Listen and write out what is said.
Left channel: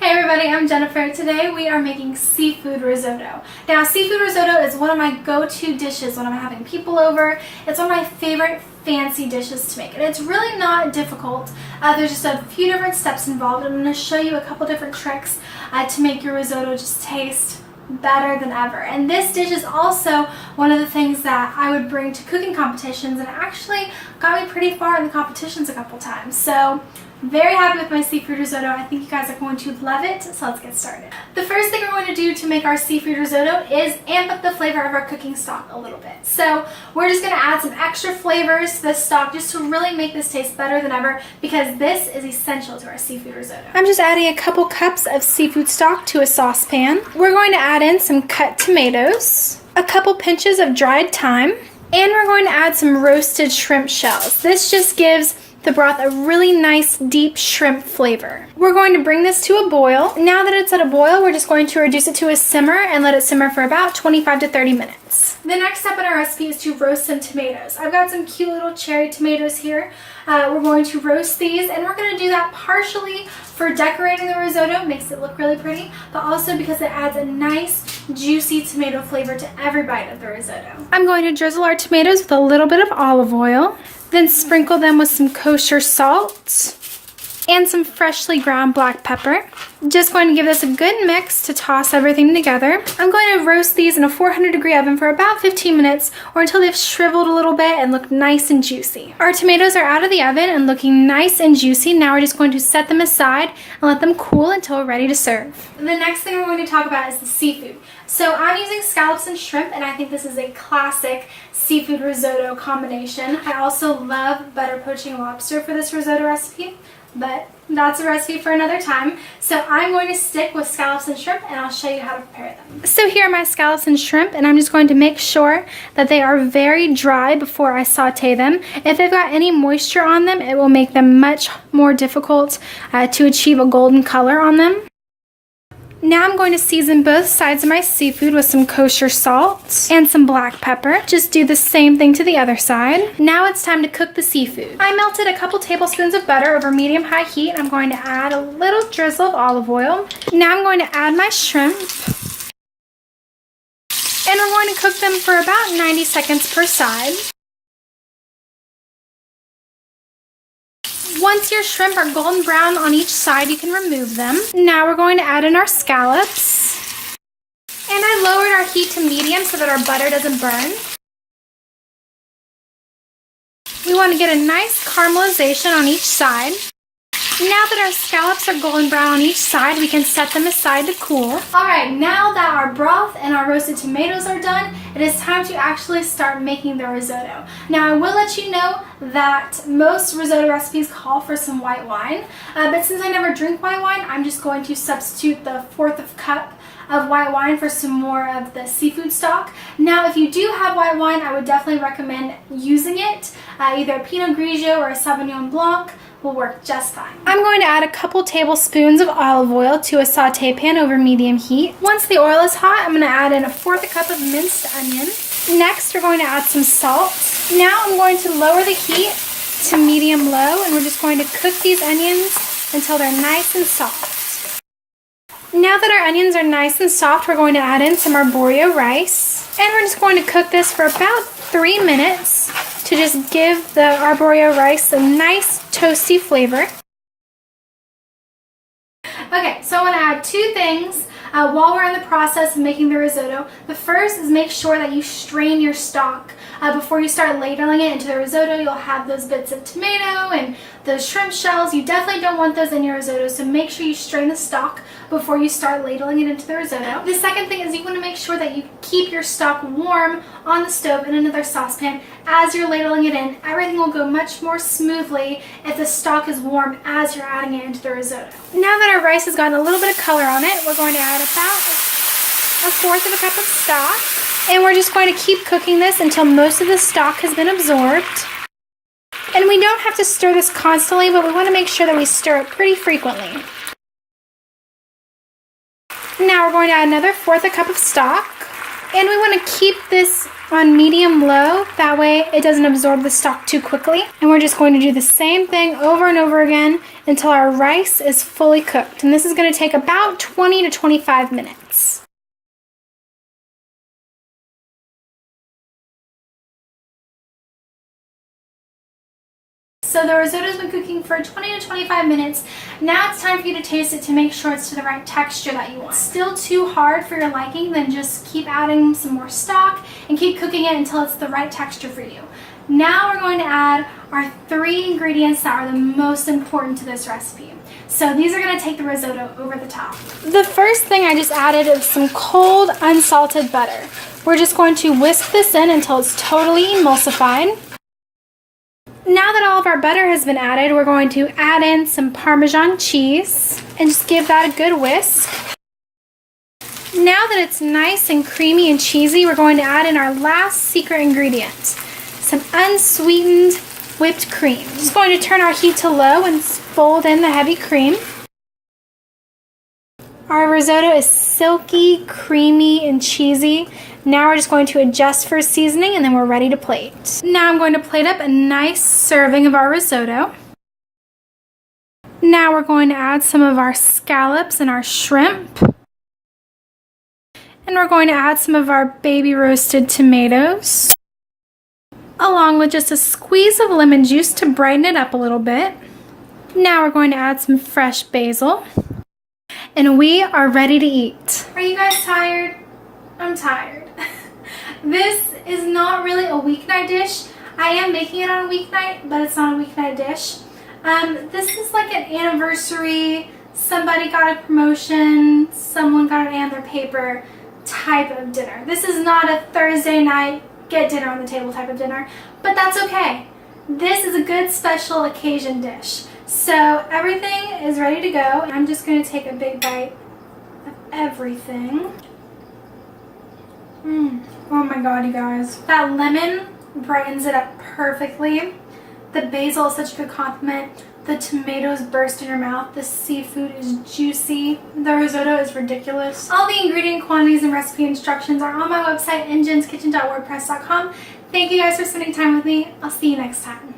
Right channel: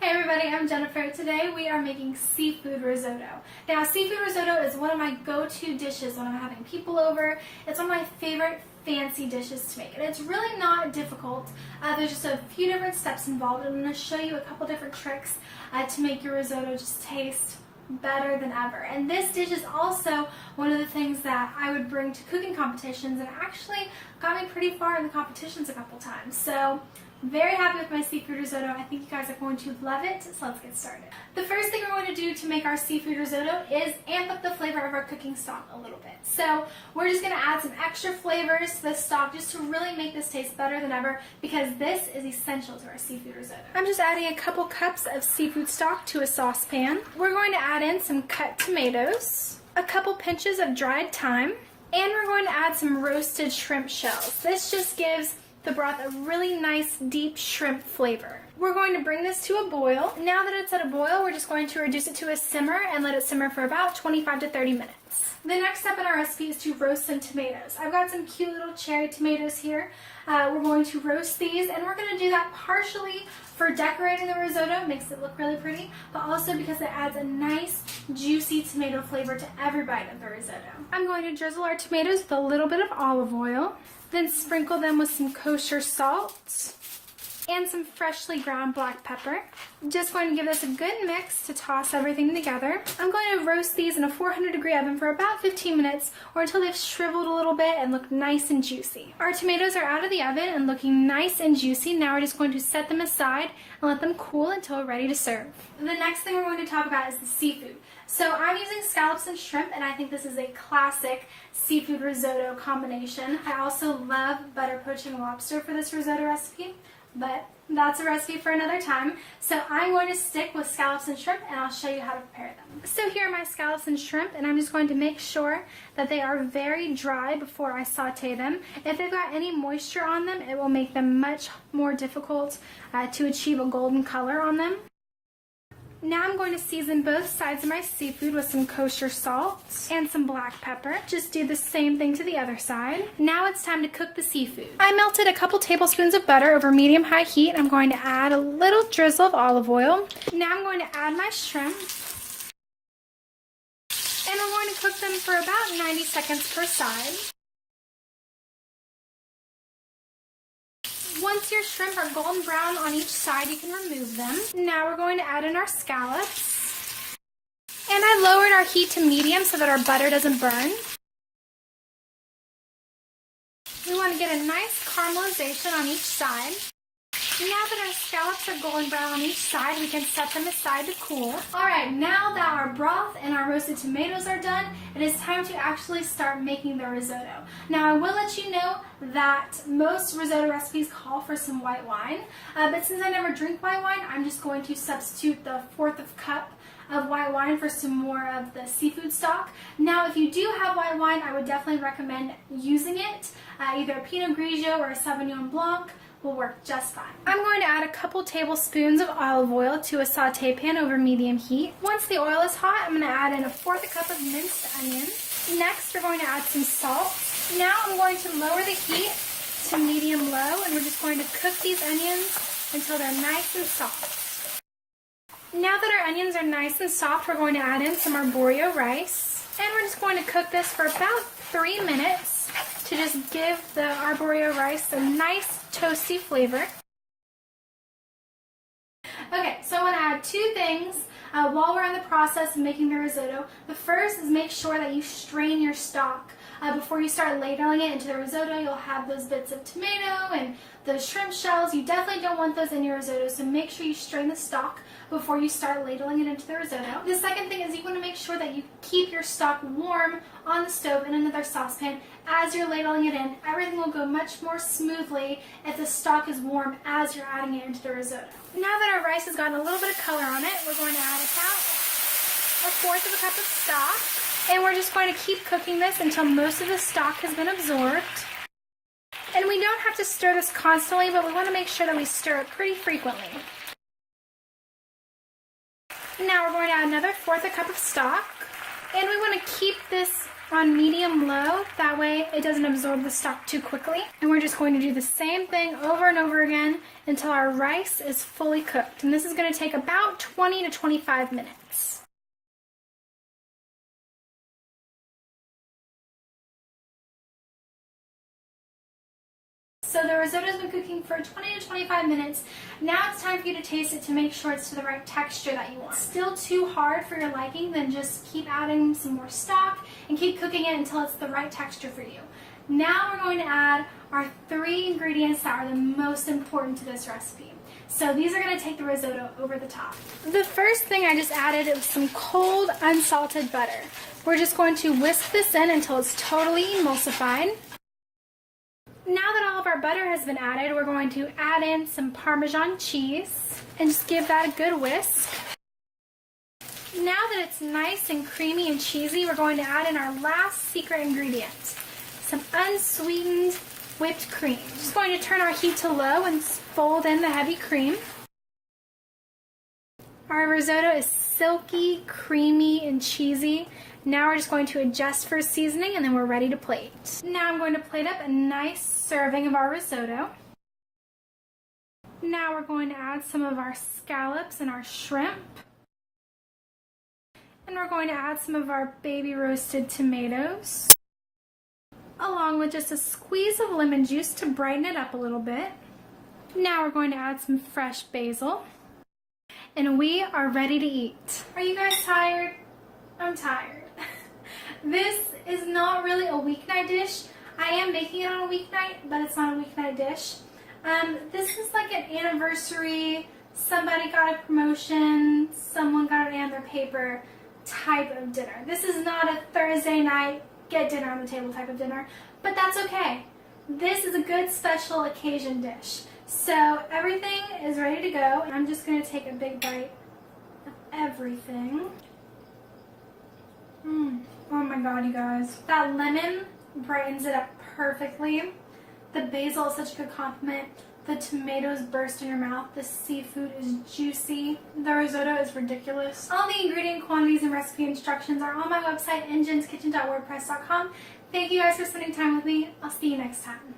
Hey everybody, I'm Jennifer. Today we are making seafood risotto. Now, seafood risotto is one of my go-to dishes when I'm having people over. It's one of my favorite fancy dishes to make, and it's really not difficult. There's just a few different steps involved. I'm going to show you a couple different tricks to make your risotto just taste better than ever. And this dish is also one of the things that I would bring to cooking competitions, and it actually got me pretty far in the competitions a couple times. So very happy with my seafood risotto. I think you guys are going to love it, so let's get started. The first thing we're going to do to make our seafood risotto is amp up the flavor of our cooking stock a little bit. So we're just going to add some extra flavors to this stock just to really make this taste better than ever, because this is essential to our seafood risotto. I'm just adding a couple cups of seafood stock to a saucepan. We're going to add in some cut tomatoes, a couple pinches of dried thyme, and we're going to add some roasted shrimp shells. This just gives the broth a really nice deep shrimp flavor. We're going to bring this to a boil. Now that it's at a boil, we're just going to reduce it to a simmer and let it simmer for about 25 to 30 minutes. The next step in our recipe is to roast some tomatoes. I've got some cute little cherry tomatoes here. We're going to roast these, and we're going to do that partially for decorating the risotto, makes it look really pretty, but also because it adds a nice juicy tomato flavor to every bite of the risotto. I'm going to drizzle our tomatoes with a little bit of olive oil, then sprinkle them with some kosher salt and some freshly ground black pepper. Just going to give this a good mix to toss everything together. I'm going to roast these in a 400-degree oven for about 15 minutes or until they've shriveled a little bit and look nice and juicy. Our tomatoes are out of the oven and looking nice and juicy. Now we're just going to set them aside and let them cool until we're ready to serve. The next thing we're going to talk about is the seafood. So I'm using scallops and shrimp, and I think this is a classic seafood risotto combination. I also love butter poaching lobster for this risotto recipe, but that's a recipe for another time. So I'm going to stick with scallops and shrimp, and I'll show you how to prepare them. So here are my scallops and shrimp, and I'm just going to make sure that they are very dry before I saute them. If they've got any moisture on them, it will make them much more difficult to achieve a golden color on them. Now I'm going to season both sides of my seafood with some kosher salt and some black pepper. Just do the same thing to the other side. Now it's time to cook the seafood. I melted a couple tablespoons of butter over medium-high heat. I'm going to add a little drizzle of olive oil. Now I'm going to add my shrimp, and we're going to cook them for about 90 seconds per side. Once your shrimp are golden brown on each side, you can remove them. Now we're going to add in our scallops. And I lowered our heat to medium so that our butter doesn't burn. We want to get a nice caramelization on each side. Now that our scallops are golden brown on each side, we can set them aside to cool. Alright, now that our broth and our roasted tomatoes are done, it is time to actually start making the risotto. Now I will let you know that most risotto recipes call for some white wine, but since I never drink white wine, I'm just going to substitute the 1/4 cup of white wine for some more of the seafood stock. Now if you do have white wine, I would definitely recommend using it. Either a Pinot Grigio or a Sauvignon Blanc will work just fine. I'm going to add a couple tablespoons of olive oil to a saute pan over medium heat. Once the oil is hot, I'm going to add in a 1/4 cup of minced onion. Next, we're going to add some salt. Now I'm going to lower the heat to medium low, and we're just going to cook these onions until they're nice and soft. Now that our onions are nice and soft, we're going to add in some arborio rice, and we're just going to cook this for about 3 minutes to just give the arborio rice a nice toasty flavor. Okay, so I want to add 2 things while we're in the process of making the risotto. The first is make sure that you strain your stock. Before you start ladling it into the risotto, you'll have those bits of tomato and those shrimp shells. You definitely don't want those in your risotto, so make sure you strain the stock before you start ladling it into the risotto. The second thing is you want to make sure that you keep your stock warm on the stove in another saucepan as you're ladling it in. Everything will go much more smoothly if the stock is warm as you're adding it into the risotto. Now that our rice has gotten a little bit of color on it, we're going to add about a 1/4 cup of stock. And we're just going to keep cooking this until most of the stock has been absorbed. And we don't have to stir this constantly, but we want to make sure that we stir it pretty frequently. Now we're going to add another 1/4 cup of stock. And we want to keep this on medium low, that way it doesn't absorb the stock too quickly. And we're just going to do the same thing over and over again until our rice is fully cooked. And this is going to take about 20 to 25 minutes. So the risotto's been cooking for 20 to 25 minutes. Now it's time for you to taste it to make sure it's to the right texture that you want. Still too hard for your liking, then just keep adding some more stock and keep cooking it until it's the right texture for you. Now we're going to add our 3 ingredients that are the most important to this recipe. So these are going to take the risotto over the top. The first thing I just added is some cold unsalted butter. We're just going to whisk this in until it's totally emulsified. Now that all of our butter has been added, we're going to add in some Parmesan cheese and just give that a good whisk. Now that it's nice and creamy and cheesy, we're going to add in our last secret ingredient, some unsweetened whipped cream. Just going to turn our heat to low and fold in the heavy cream. Our risotto is silky, creamy, and cheesy. Now we're just going to adjust for seasoning and then we're ready to plate. Now I'm going to plate up a nice serving of our risotto. Now we're going to add some of our scallops and our shrimp. And we're going to add some of our baby roasted tomatoes, along with just a squeeze of lemon juice to brighten it up a little bit. Now we're going to add some fresh basil. And we are ready to eat. Are you guys tired? I'm tired. This is not really a weeknight dish. I am making it on a weeknight, but it's not a weeknight dish. This is like an anniversary, somebody got a promotion, someone got an A on their paper type of dinner. This is not a Thursday night, get dinner on the table type of dinner, but that's okay. This is a good special occasion dish. So everything is ready to go. I'm just going to take a big bite of everything. Oh my god, you guys. That lemon brightens it up perfectly. The basil is such a good compliment. The tomatoes burst in your mouth. The seafood is juicy. The risotto is ridiculous. All the ingredient quantities and recipe instructions are on my website, engenskitchen.wordpress.com. Thank you guys for spending time with me. I'll see you next time.